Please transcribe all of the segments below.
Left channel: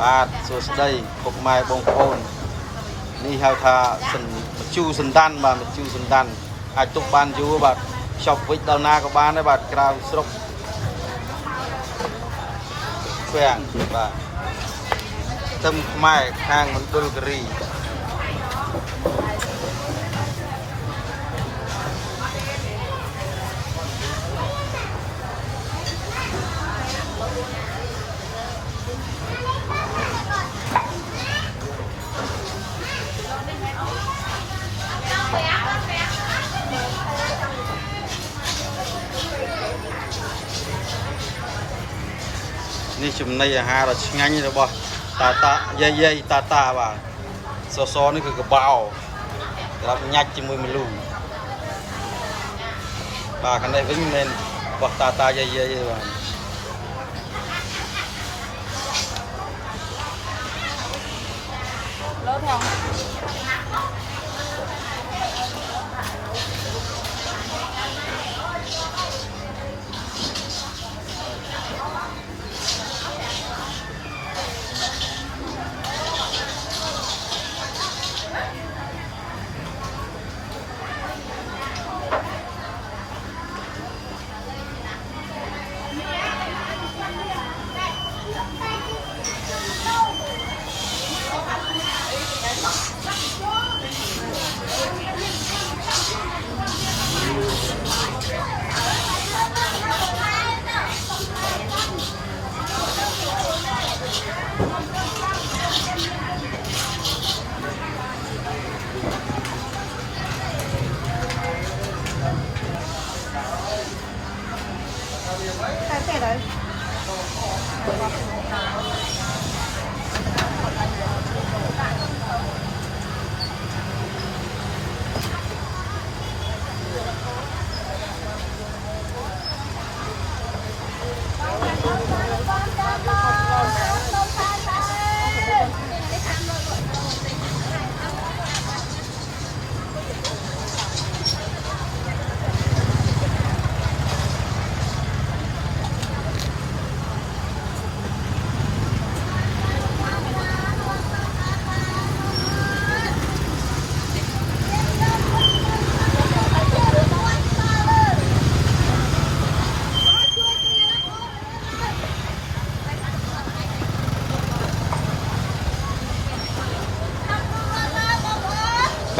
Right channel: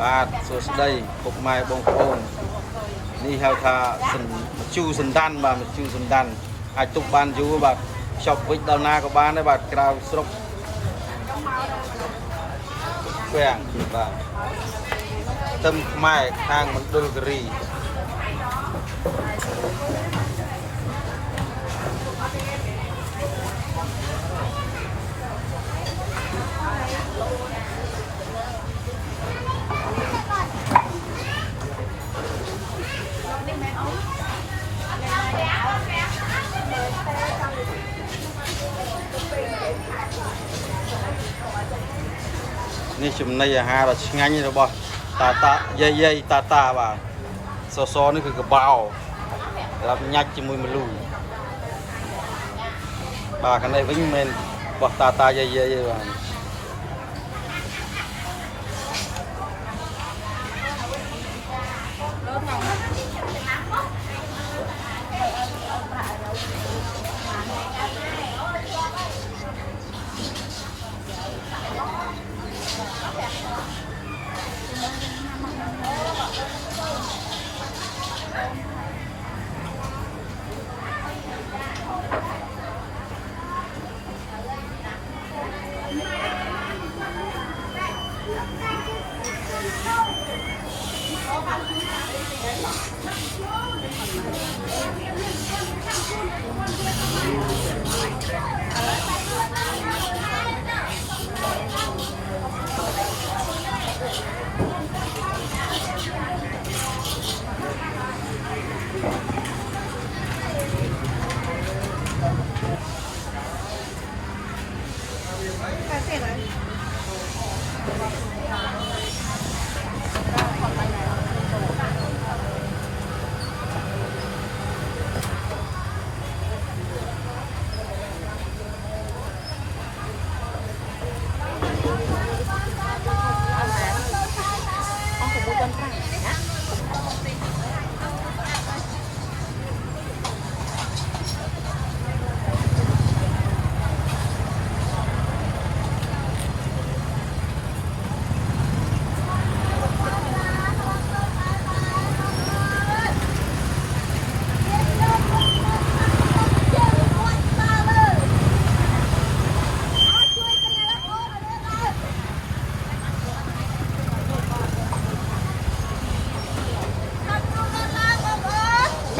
บาทสุดได้ปกไม้บงโอนนี่เขาท่าสันมาจูสันดันบาทมาจูสันดันอาจตุกบานจูบาทชอบวิดดาวนากับบานได้บาทกราวสรุปแฝงบาทเติมไม้ข้างมันดุลกรีนี่ชุมในอาหารเราง่ายนี่เราบอกตาเย่ตาบ่าซอนี่คือกระเบารับยัดจมูกมันลูบ่ากันได้วิ่งเมนบอกตาเย่บ่า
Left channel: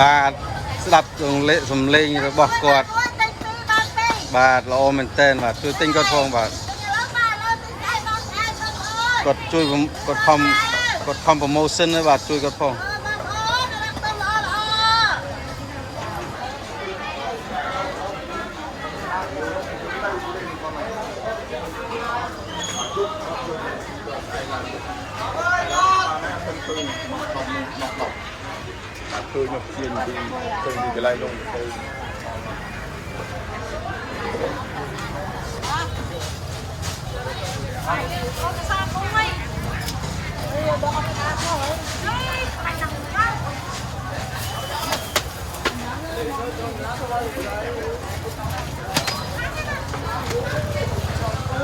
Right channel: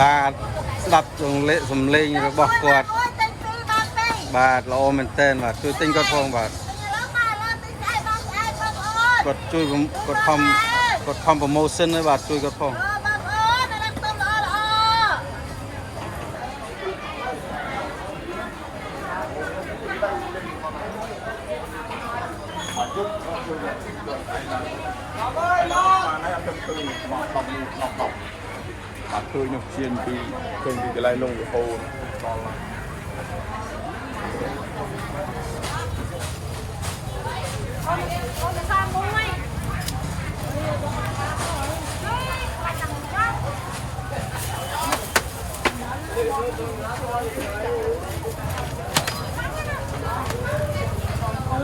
บาทสลับตรงเละสมเลงบอกกอดบาทเราโอมันเต้นบาทช่วยติ้งกดพงบาทกดช่วยกดพอมโปรโมชั่นเลยบาทช่วยกดพงtôi nhập chuyên thì không thì cái này nông của cô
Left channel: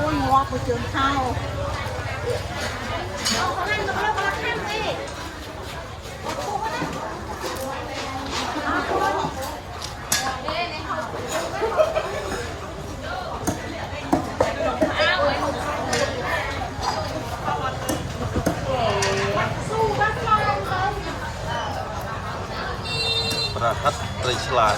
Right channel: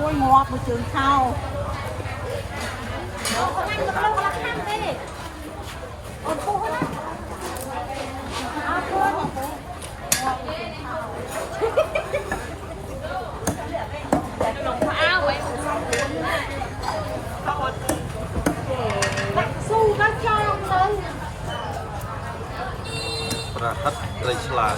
ôi ngọt của trường thaoประหัตไตรฉลาด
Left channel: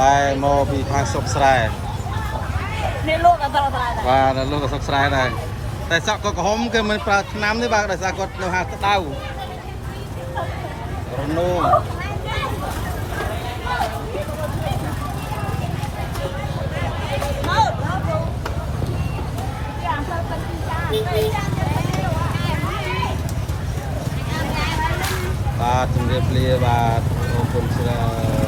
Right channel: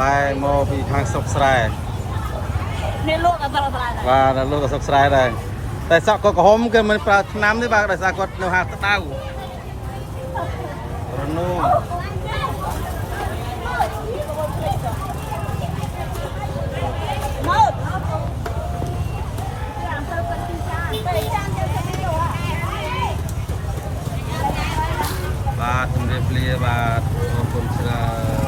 ไล่โมปีทางสกสายนี่ลูกอันตรายได้ว่าลูกกับสกสายได้แต่สักก็หอมกันมันปลาน้ำที่บางแต่สักก็เนื้อหาตะเต้าระนุ่ม បាទជំរាបលាបាទអរគុណច្រើន